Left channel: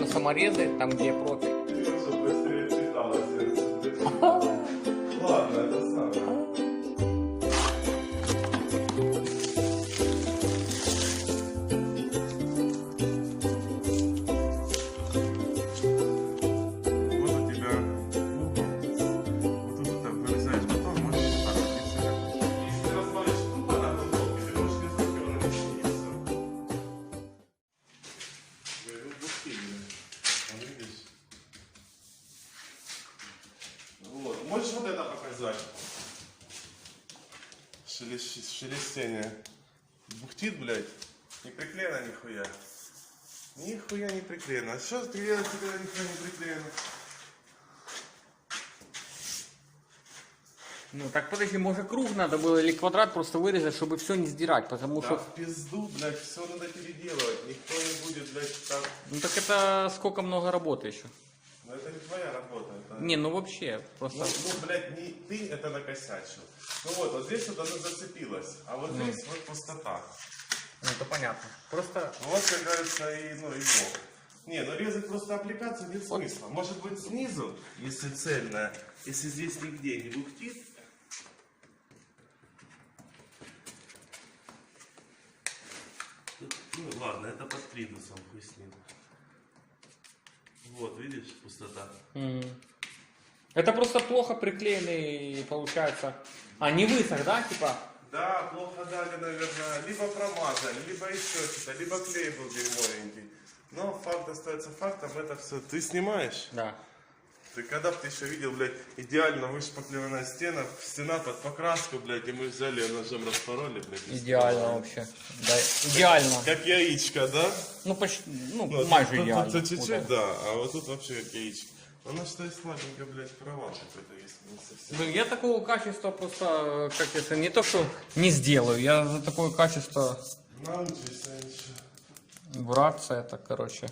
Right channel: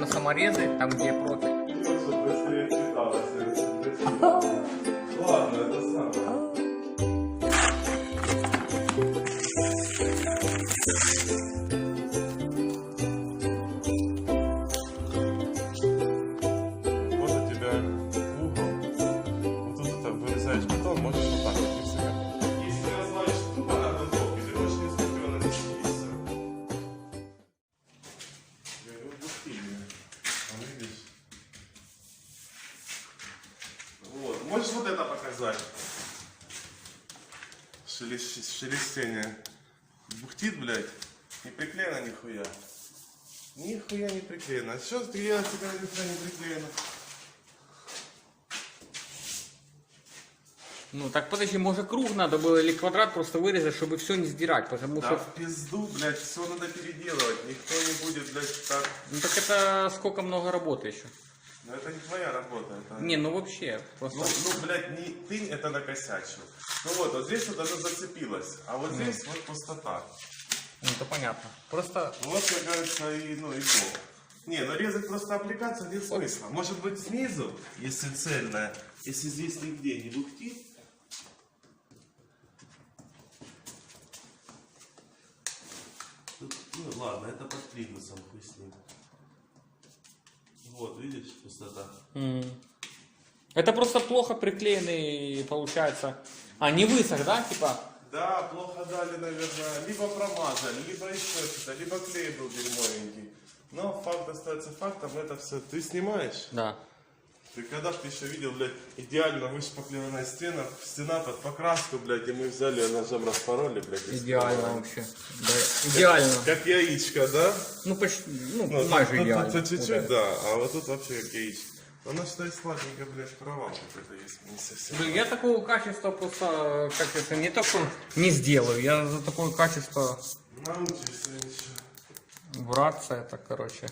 на саморезы, там где профиль. Ладно, это самое. Можешь вот это показать? Шелестение. Бухтит, блядь. Не приклеено нихуя. Нихуя не приклеено. А что делается, когда нихуя не приклеено? Ну так подожди, может круг надо было или квадрат просто вырезать, чтобы все не сдирать, потому Да что... в пизду, блядь, все надо переделывать. Никто не будет, блядь, так. Ну так это сколько много работы еще. Но это не твоя работа. Это... Не, ну вообще, просто... Ну, блядь, не ты это накосячил. Ну вот здесь вот оно зацепилось, а вот здесь вот пустота. Ну это понятно. Просто... Вот, как говорится, и бог. Не, ну резать просто аппликацию нет смысла. Может быть снизу, если цельная, если здесь нигде не бухтит. Ну ладно, это под придусом, хуй с ним. Вот, видишь, пустота. Это просто плохо приклеенный, получается. А, не высох, да, типа? Да, плохо дали, наверное, либо промазали, либо еще что-то, либо клей был дерьмовенький. Но факт остается фактом, это все. Ты снимаешь? Да. Ты когда бы ты еще видел, блядь, идеально вышпаклеванная стена под покраску, блядь, и мы взяли ножом распороли, блядь. Идеально вообще. Да, идеально. Как яичко, да? Ну почти, ну майже тут идеально. чуть-чуть, Вот да, а вот тут вообще как яичко. Оно, считай, слабенько, блядь, провал какой-то есть, не совсем. Ну, я такого качества просто, как это, не то что не сделаю, я за такое качество Научишься ничего. браться, это, короче.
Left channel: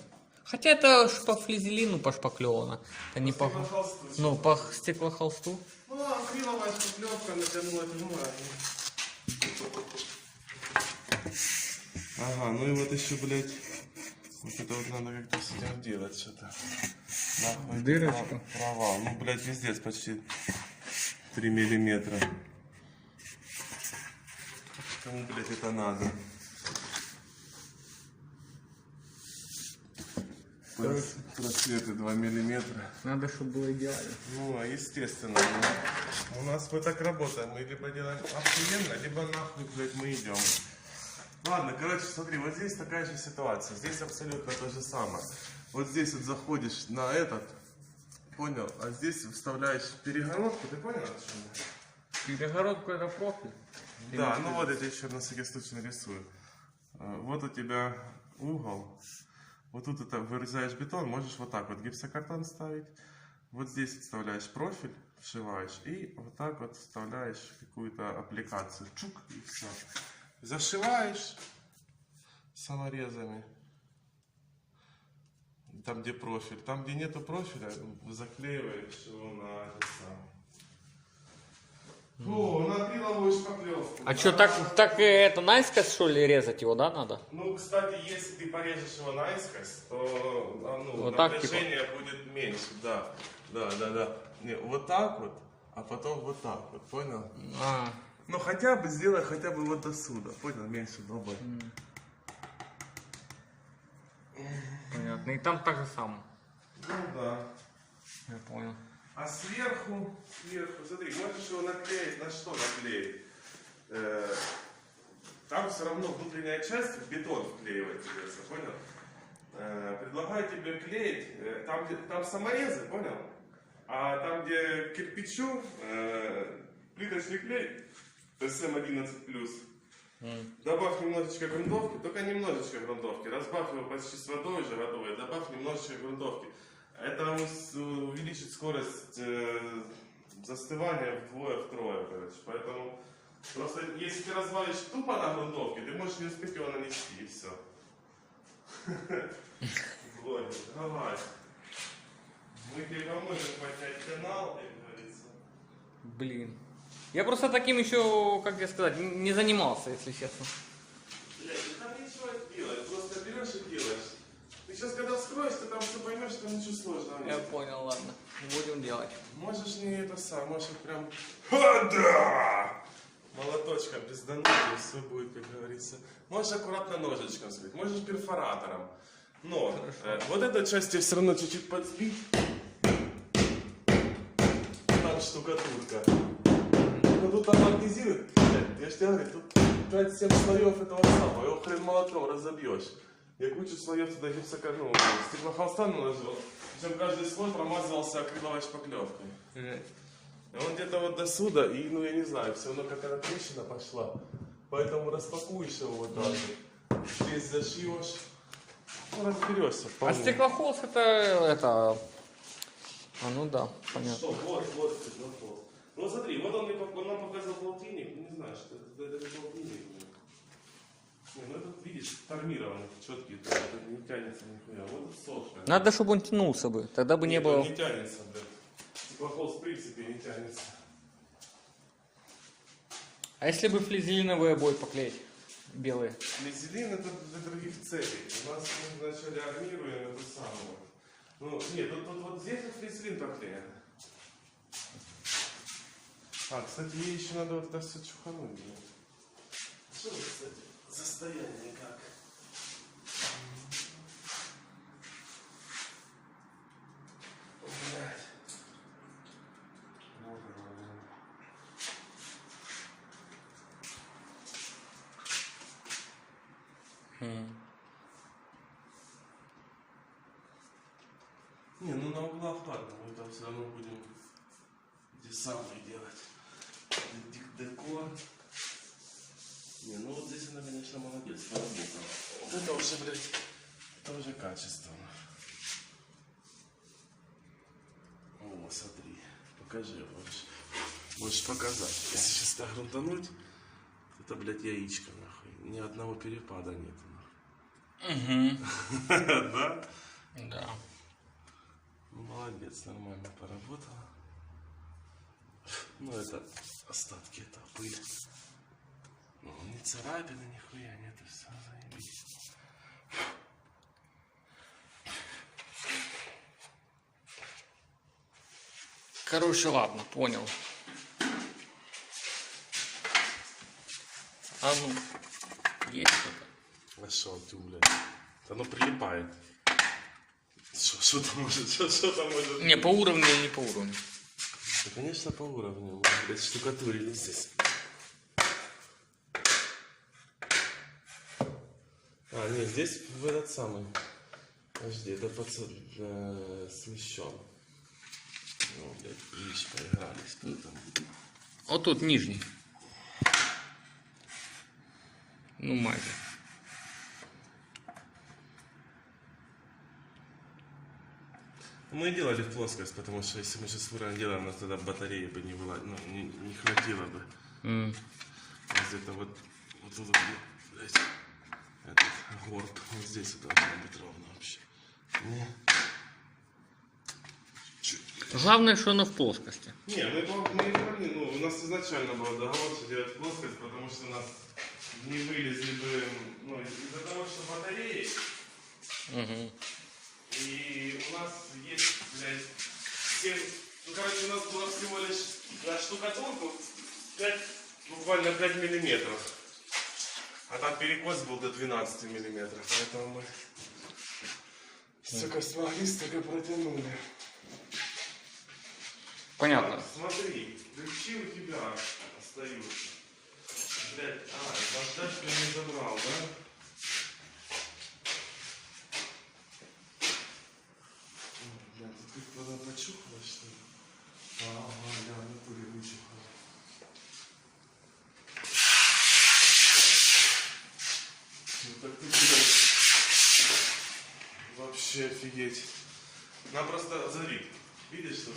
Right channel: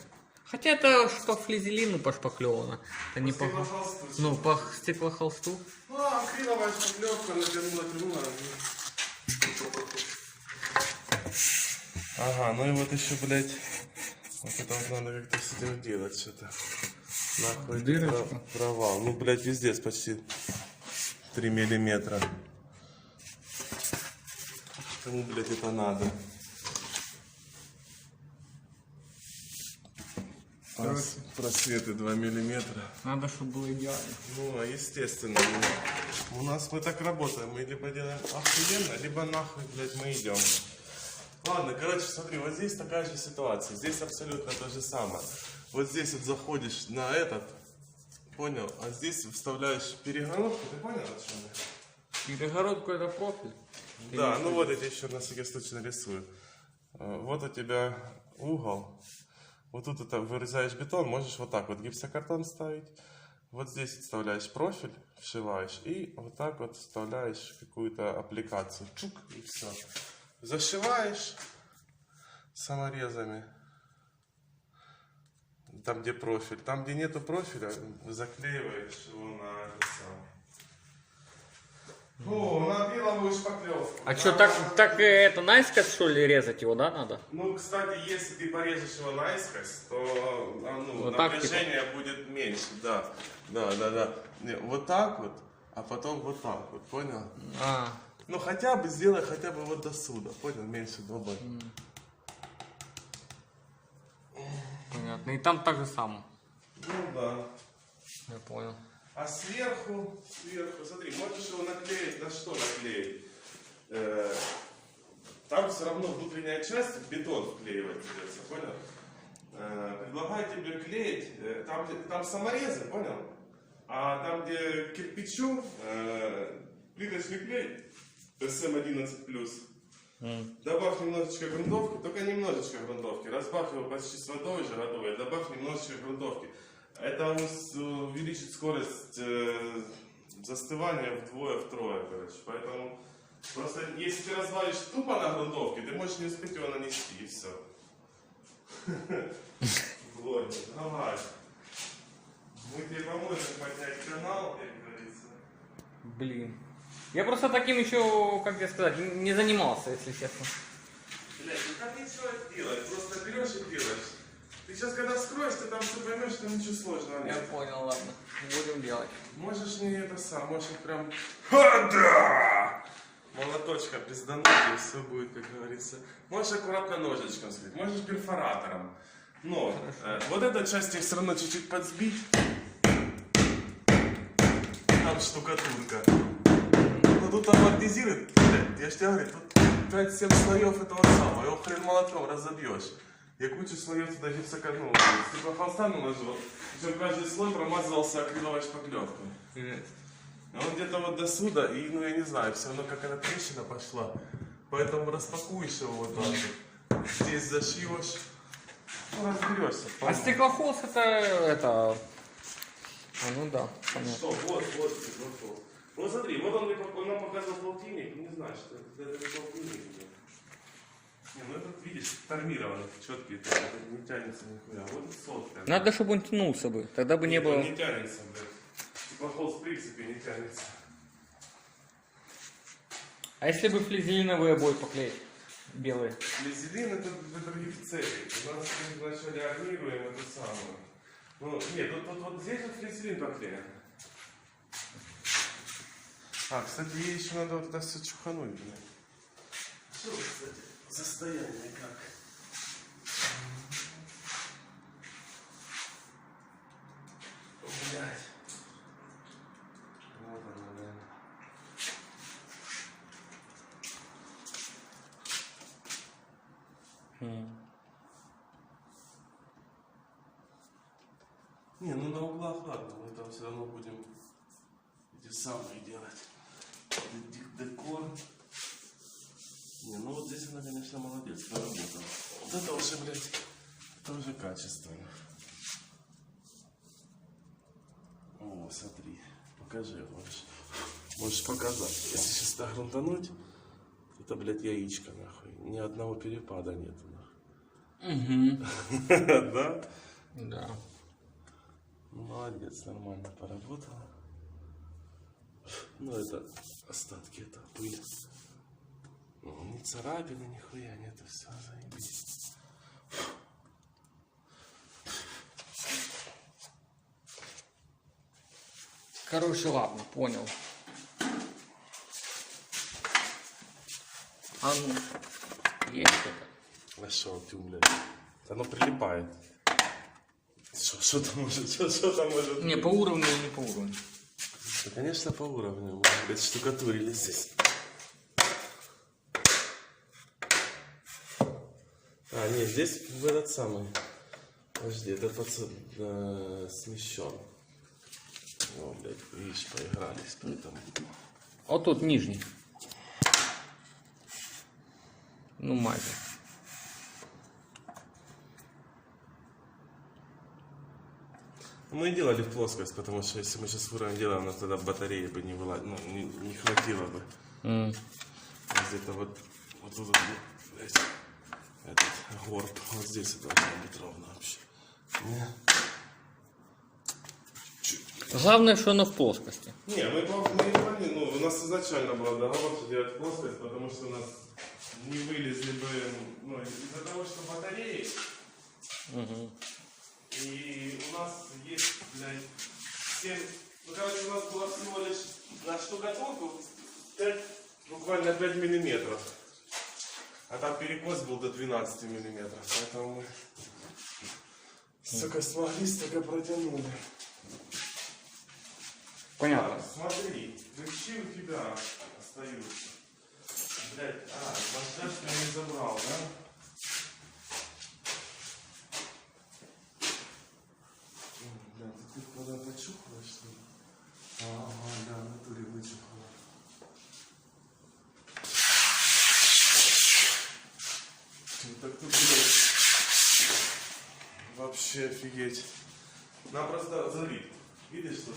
Хотя это ж по флизелину пошпаклевано, а не по... Стеклохолсту. Ну, по стеклохолсту. Ну, акриловая шпаклевка натянула длину. Ага, ну и вот еще, блядь, вот это вот надо как-то с этим делать что-то. Нахуй Дырочку. провал. Ну, блядь, везде почти 3 миллиметра. Кому, блядь, это надо? Просветы 2 миллиметра. Надо, чтобы было идеально. Ну, естественно. У нас мы так работаем. Мы либо делаем охуенно, либо нахуй, блядь, мы идем. Ладно, короче, смотри, вот здесь такая же ситуация. Здесь абсолютно то же самое. Вот здесь вот заходишь на этот, понял? А здесь вставляешь перегородку, ты понял, о чем я? Перегородку это профиль. Да, ну вот я тебе еще на всякий случай нарисую. Вот у тебя угол. Вот тут это вырезаешь бетон, можешь вот так вот гипсокартон ставить. Вот здесь вставляешь профиль, вшиваешь и вот так вот вставляешь какую-то аппликацию. Чук, и все. Зашиваешь саморезами. Там, где профиль. Там, где нету профиля, заклеиваешь его на это самое. О, на акриловую шпаклевку. А что, так это наискось, что ли, резать его, да, надо? Ну, кстати, если ты порежешь его наискось, то Вот так, напряжение будет меньше, да. Да. Не, вот так вот, а потом вот так вот, понял? А, Ну, хотя бы сделай хотя бы вот до сюда, понял? Меньше добавь. понятно. И там так же самое. Ну, да. Я понял. А сверху, смотри, можешь его наклеить, на что наклеить? Там все равно внутренняя часть, бетон вклеивать придется, понял? Предлагаю тебе клеить, там саморезы, понял? А там, где кирпичу, плиточный клей, ПСМ-11+, добавь немножечко грунтовки, только немножечко грунтовки, разбавь его почти с водой уже готовой, добавь немножечко грунтовки. Это увеличит скорость застывания вдвое-втрое, короче. Поэтому просто если ты развалишь тупо на грунтовке, ты можешь не успеть его нанести, и все. Давай. Мы тебе поможем поднять канал, как говорится. Блин. Я просто таким еще, как я сказать, не занимался, если честно. Блядь, ну как ничего делать? Просто берешь и делаешь. Ты сейчас, когда вскроешь, ты там все поймешь, что ничего сложного Я нет. понял, ладно. Будем делать. Можешь не это сам, можешь прям... Ха, да! Молоточка пиздануть, и все будет, как говорится. Можешь аккуратно ножичком сбить, можешь перфоратором. Но вот эту часть тебе все равно чуть-чуть подсбить. Там штукатурка. Но тут амортизирует. Я ж тебе говорю, тут 5-7 слоев этого самого. Его хрен молотком разобьешь. Я кучу слоев туда гипсокартона. Стеклохолста наложил. Причем каждый слой промазывался акриловой шпаклевкой. И он где-то вот до сюда, и, ну я не знаю, все равно какая-то трещина пошла. Поэтому распакуешь его вот так вот. Здесь зашьешь. Ну, разберешься. А стеклохолст это... А, ну да, понятно. Что, вот стеклохолст. Вот смотри, вот он нам показывал полтинник, не знаю, что это полтинник. Не, ну этот, видишь, тормированный, четкий, это не тянется нихуя. Вот сотка. Надо, чтобы он тянулся бы, тогда бы не Нет, было... он не тянется, блядь. Стеклохолст в принципе не тянется. А если бы флизелиновые обои поклеить? Белые. Флизелин это для других целей. У нас вначале армируем это самое. Ну, нет, вот здесь же флизелин поклеен. А, кстати, ей еще надо вот это все чухануть, блин. Что, кстати, состояние как? Блядь. Вот оно, блин. Не, ну на углах ладно, мы там все равно будем эти самые делать. Декор. Не, ну вот здесь она, конечно, молодец, поработала. Вот это уже, блядь, тоже качественно. О, смотри, покажи, можешь показать. Если сейчас так грунтануть, это, блядь, яичко, нахуй. Ни одного перепада нету, нахуй. Угу. Да? Да. Молодец, нормально поработала. Ну, это остатки, это пыль. Ну, не царапины, нихуя, нет, это все заебись. Короче, ладно, понял. А ну, есть что-то. А шо ты, блядь? Оно прилипает. Что там может, что там может? Не, по уровню или не по уровню. Да, конечно, по уровню. Мы, блядь, штукатурили здесь. А, нет, здесь в этот самый. Подожди, это смещен. О, блядь, видишь, поигрались, поэтому. Вот тут нижний. Ну, мать. Мы делали в плоскость, потому что если мы сейчас в уровень делаем, то тогда батареи бы не было, ну, не хватило бы. Где-то вот тут, блядь, этот горб, вот здесь это должно быть ровно вообще. Главное, что оно в плоскости. Не, мы не, ну, у нас изначально был договор, что делать плоскость, потому что у нас не вылезли бы, ну, из-за того, что батареи. И у нас есть, блядь, 7, ну, короче, у нас было всего лишь на штукатурку 5, буквально 5 миллиметров. А там перекос был до 12 миллиметров, поэтому мы сука смогли, столько протянули. Понятно. Так, смотри, ключи у тебя остаются. Блядь, наждачку я не забрал, да? Блядь, ты куда почухала, что ли? Ага, да, в натуре вычухала. Ну так тут, блядь, вообще офигеть. Надо просто залить. Видишь, тут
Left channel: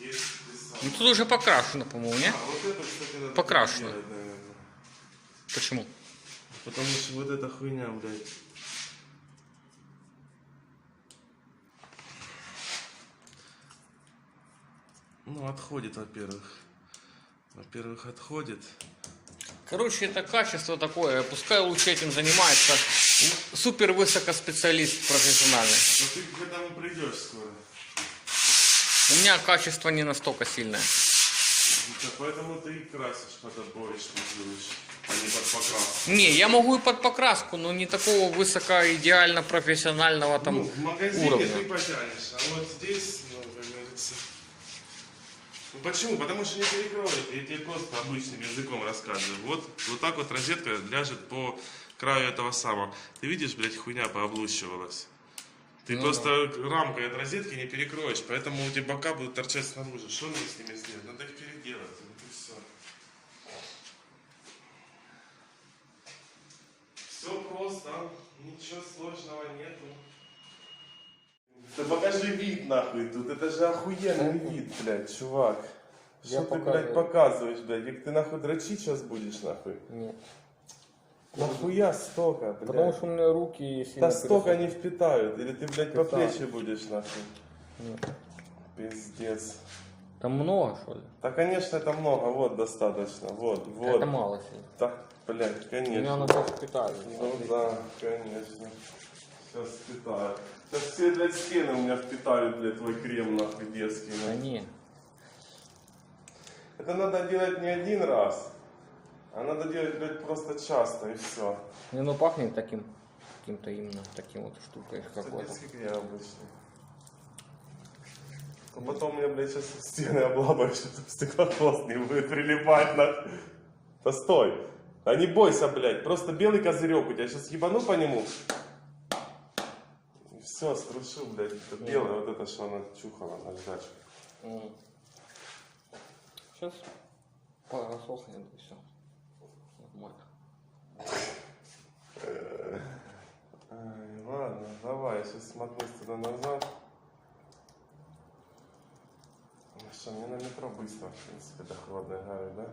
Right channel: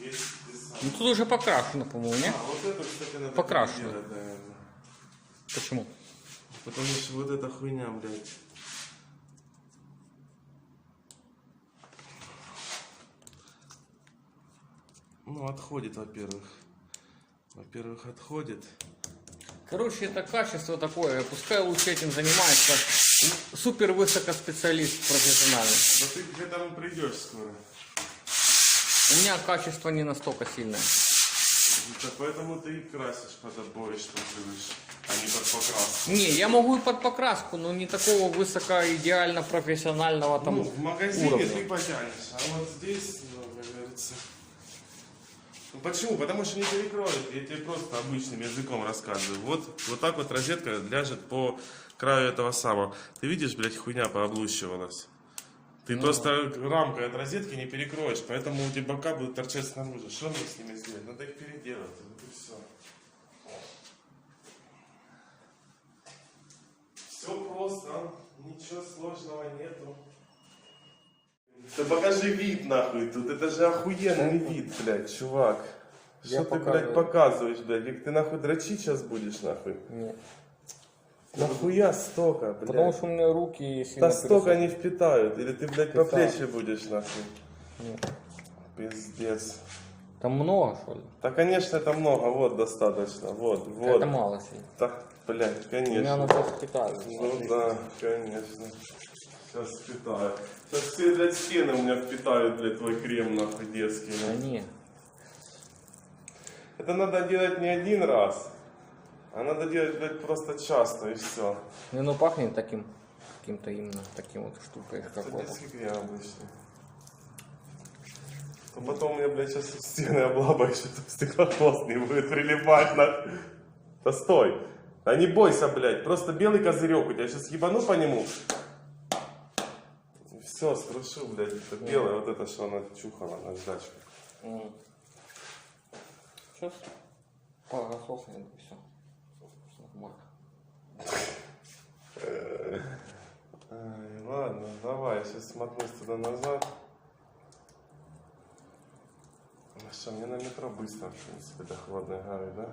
есть песок. Ну тут уже покрашено, по-моему, нет? А, вот это, кстати, надо Покрашено. делать, наверное. Почему? Потому что вот эта хуйня, блядь. Ну, отходит, во-первых. Во-первых, отходит. Короче, это качество такое, пускай лучше этим занимается супер высокоспециалист профессиональный. Но ты к этому придешь скоро. У меня качество не настолько сильное. Да, поэтому ты и красишь под обои, что привыше, а не под покраску. Не, я могу и под покраску, но не такого высоко-идеально профессионального там Ну, в магазине уровня. ты потянешь, а вот здесь, ну, как говорится... Ну почему? Потому что не перекроет. Я тебе просто обычным языком рассказываю. Вот так вот розетка ляжет по краю этого самого. Ты видишь, блядь, хуйня пооблущивалась. Ты просто рамкой от розетки не перекроешь, поэтому у тебя бока будут торчать снаружи. Что мне с ними сделать? Надо их переделать. Вот и все. Все просто, ничего сложного нету. Ты покажи вид нахуй тут, это же охуенный вид, блядь, чувак. Я Что ты, блядь, показываешь, блядь? Как ты нахуй дрочить сейчас будешь, нахуй? Нет. Нахуя столько, блядь? Потому что у меня руки Да столько не впитают, или ты, блядь, по плечи будешь, нахуй? Пиздец. Там много, что ли? Да, конечно, это много, вот достаточно, вот. Это мало сильно. Да, блядь, У меня конечно. оно сейчас впитается. Ну да, конечно. Сейчас впитаю. Сейчас все, блядь, стены у меня впитают, блядь, твой крем, нахуй, детский. Да не. Это надо делать не один раз, а надо делать, блядь, просто часто, и все. Не, ну пахнет таким, каким-то именно таким вот штукой Это какой-то. детский крем обычно. То потом у меня, блядь, сейчас стены облабаешь, тут стеклохвост не будет прилипать, нахуй. Да стой. Да не бойся, блядь, просто белый козырек у тебя, сейчас ебану по нему. Все, струшил, блядь, это белое, вот это, что она чухала на ждачку. Сейчас посохнет и все. Нормально. Ай, ладно, давай, я сейчас смотнусь туда назад. Ну что, мне на метро быстро, в принципе, до Холодной Горы, да?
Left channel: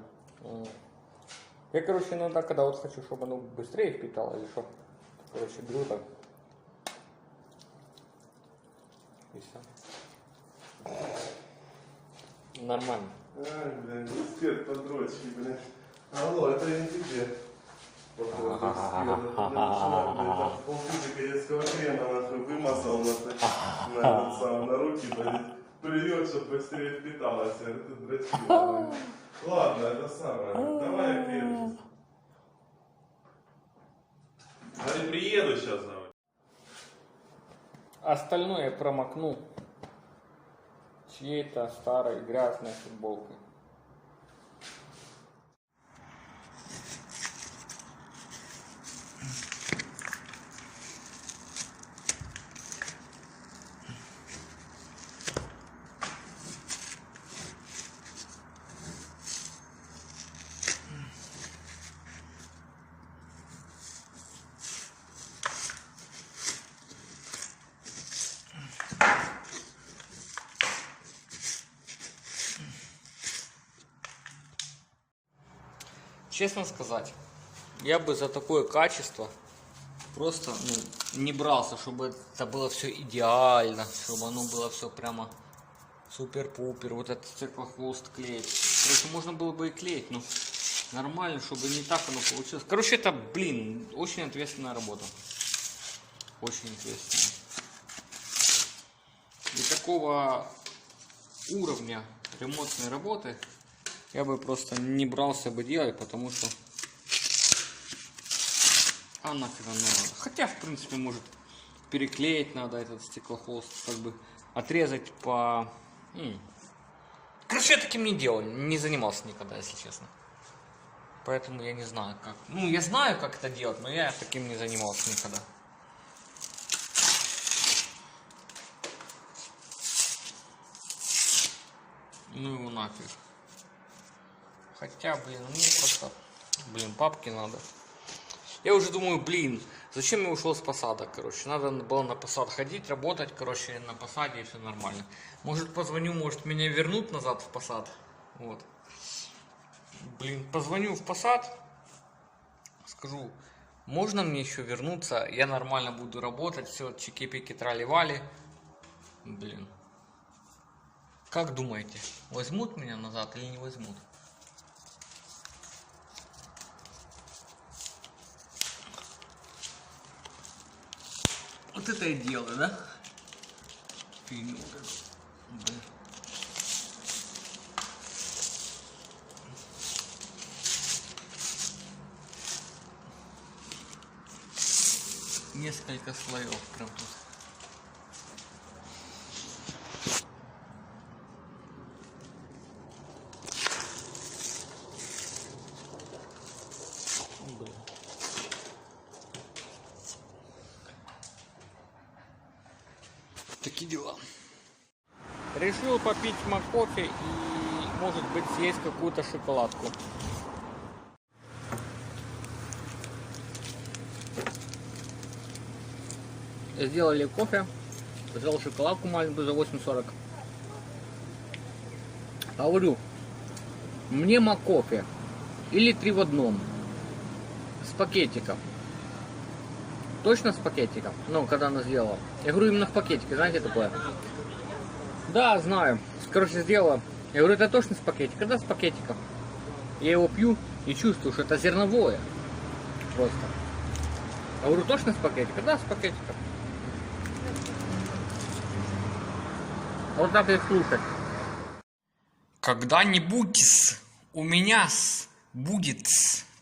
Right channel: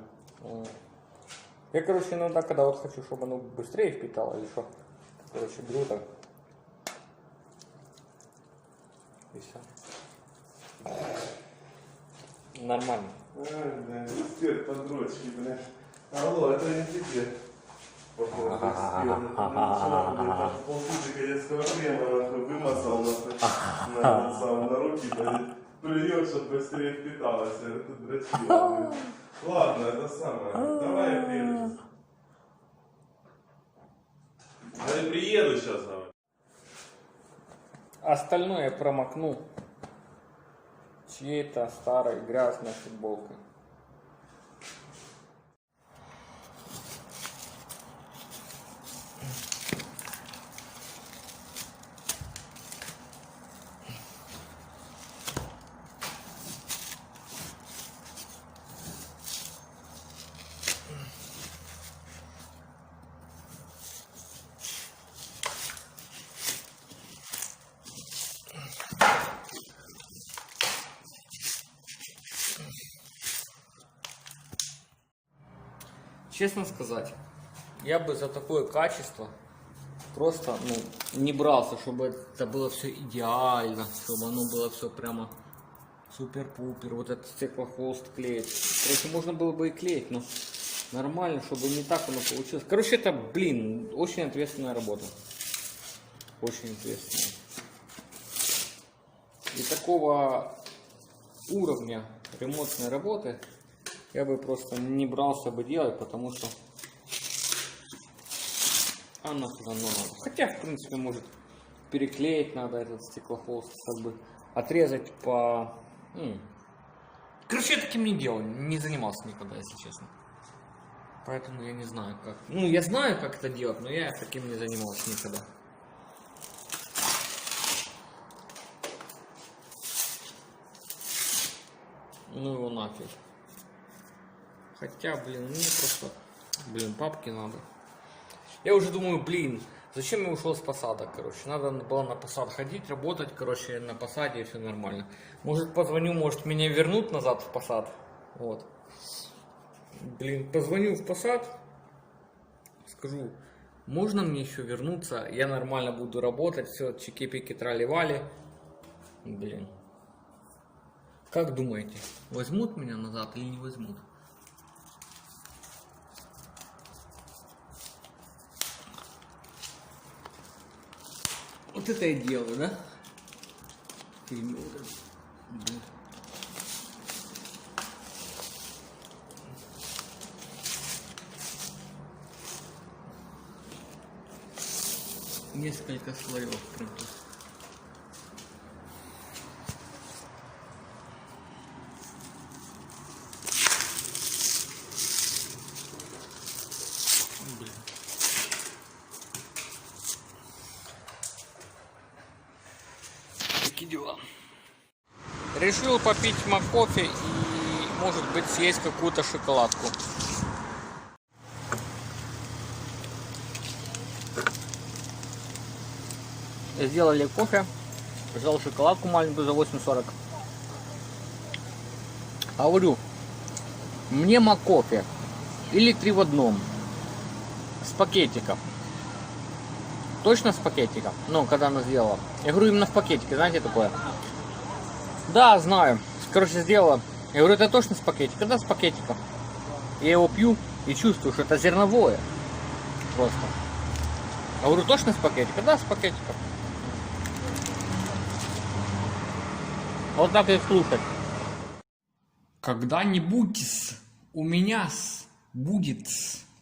Я, короче, иногда, когда вот хочу, чтобы оно быстрее впитало, или что, короче, беру так. И все. Нормально. Ай, блядь, эксперт по дрочке, блядь. Алло, это не тебе. Вот этот эксперт, это начинал, блядь, полтусика детского крема, нахуй, вымазал, нахуй, на руки, блядь, плюет, чтобы быстрее впиталось, это дрочил. Ладно, это самое, давай я приеду. А я приеду сейчас, давай. Остальное я промокну чьей-то старой грязной футболкой. Честно сказать, я бы за такое качество просто не брался, чтобы это было все идеально, чтобы оно было все прямо супер-пупер, вот этот стеклохвост клеить. Короче, можно было бы и клеить, но нормально, чтобы не так оно получилось. Короче, это, блин, очень ответственная работа. Очень ответственная. И такого уровня ремонтной работы я бы просто не брался бы делать, потому что нафиг оно надо. Хотя, в принципе, может переклеить надо этот стеклохолст, как бы отрезать по... Короче, я таким не делал, не занимался никогда, если честно. Поэтому я не знаю, как... Ну, я знаю, как это делать, но я таким не занимался никогда. Ну его нафиг. Хотя, блин, мне просто, папки надо. Я уже думаю, зачем я ушел с посада, короче. Надо было на посад ходить, работать, короче, на посаде и все нормально. Может, позвоню, может, меня вернут назад в посад. Вот. Позвоню в посад, скажу, можно мне еще вернуться, я нормально буду работать, все, чики-пики, трали-вали. Как думаете, возьмут меня назад или не возьмут? Вот это и дело, да? Фигню вот эту. Да. Несколько слоев, правда. Блин. Такие дела. Решил попить кофе и, может быть, съесть какую-то шоколадку. Сделали кофе, взял шоколадку маленькую за 8,40. Говорю, мне кофе или 3 в одном с пакетиком. Точно с пакетиком? Ну, когда она сделала. Я говорю, именно в пакетике, знаете такое? Да, знаю. Короче, сделала. Я говорю, это точно с пакетика? Да, с пакетиком. Я его пью и чувствую, что это зерновое. Просто. Я говорю, точно с пакетика? Да, с пакетиком. Вот так и слушать. Когда-нибудь у меня будет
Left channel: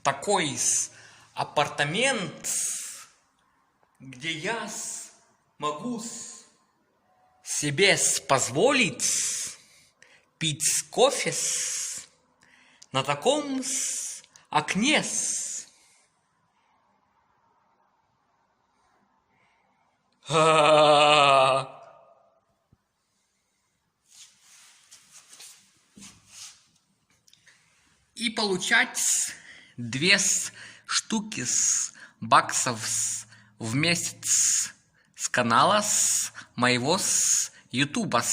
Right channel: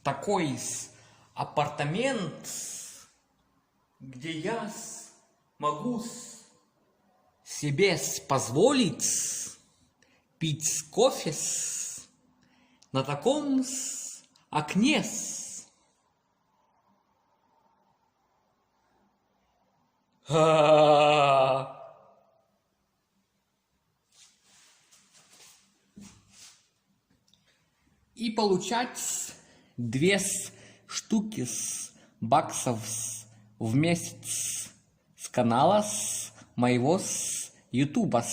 такой апартамент, где я могу себе позволить пить кофе на таком окне. И получать 2 штуки баксов в месяц с канала моего ютуба.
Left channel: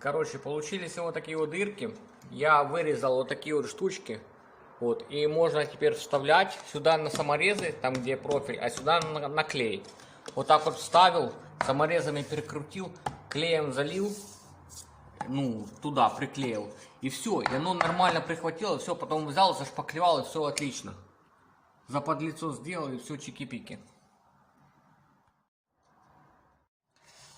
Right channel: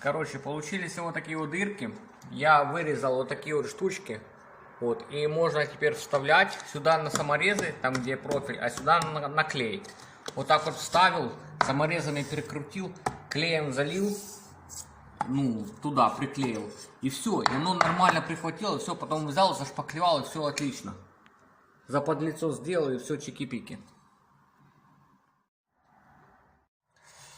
Короче, получились вот такие вот дырки. Я вырезал вот такие вот штучки. Вот, и можно теперь вставлять сюда на саморезы, там где профиль, а сюда наклеить. Вот так вот вставил, саморезами перекрутил, клеем залил. Ну, туда приклеил. И все, и оно нормально прихватило, все, потом взял, зашпаклевал, и все отлично. Заподлицо сделал, и все чики-пики.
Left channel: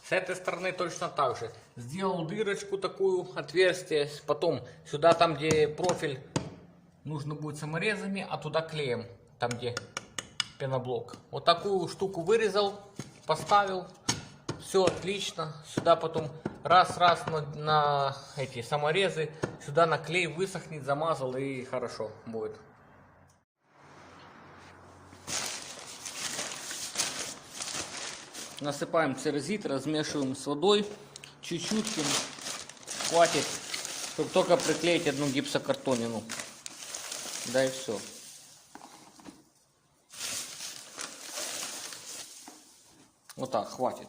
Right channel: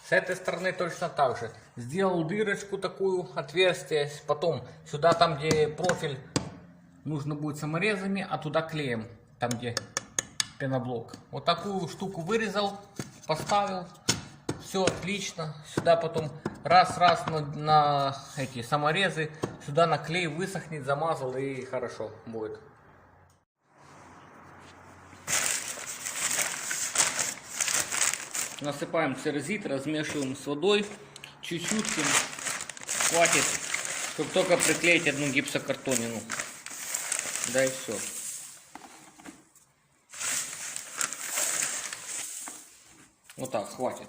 С этой стороны точно так же. Сделал дырочку такую, отверстие, потом сюда, там где профиль, нужно будет саморезами, а туда клеем, там где пеноблок. Вот такую штуку вырезал, поставил, все отлично. Сюда потом раз на эти саморезы, сюда на клей высохнет, замазал и хорошо будет. Насыпаем церезит, размешиваем с водой, чуть-чуть, хватит, чтобы только приклеить одну гипсокартонину. Да и все. Вот так, хватит.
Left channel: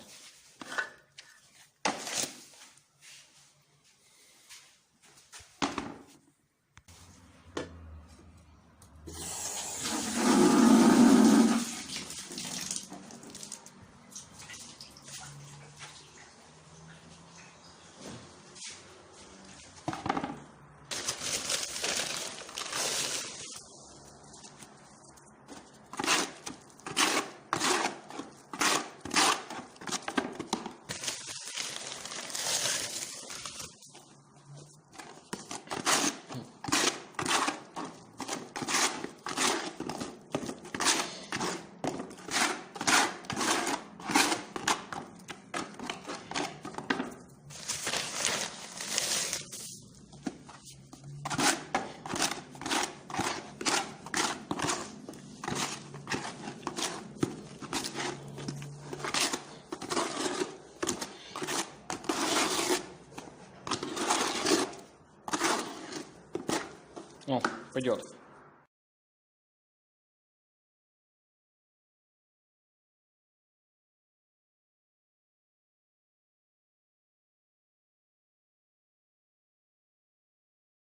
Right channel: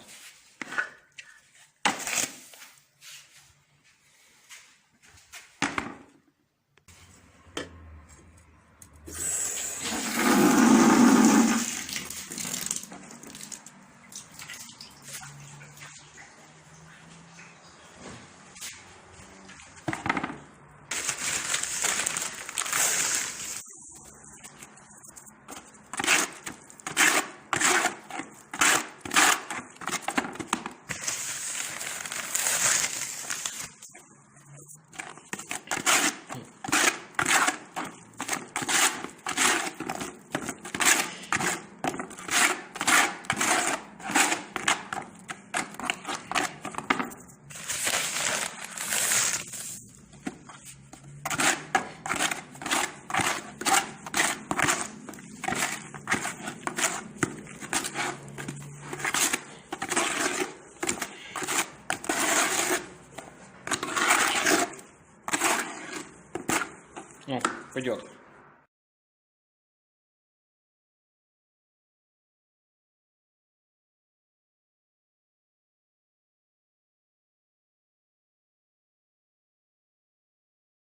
О, пойдет.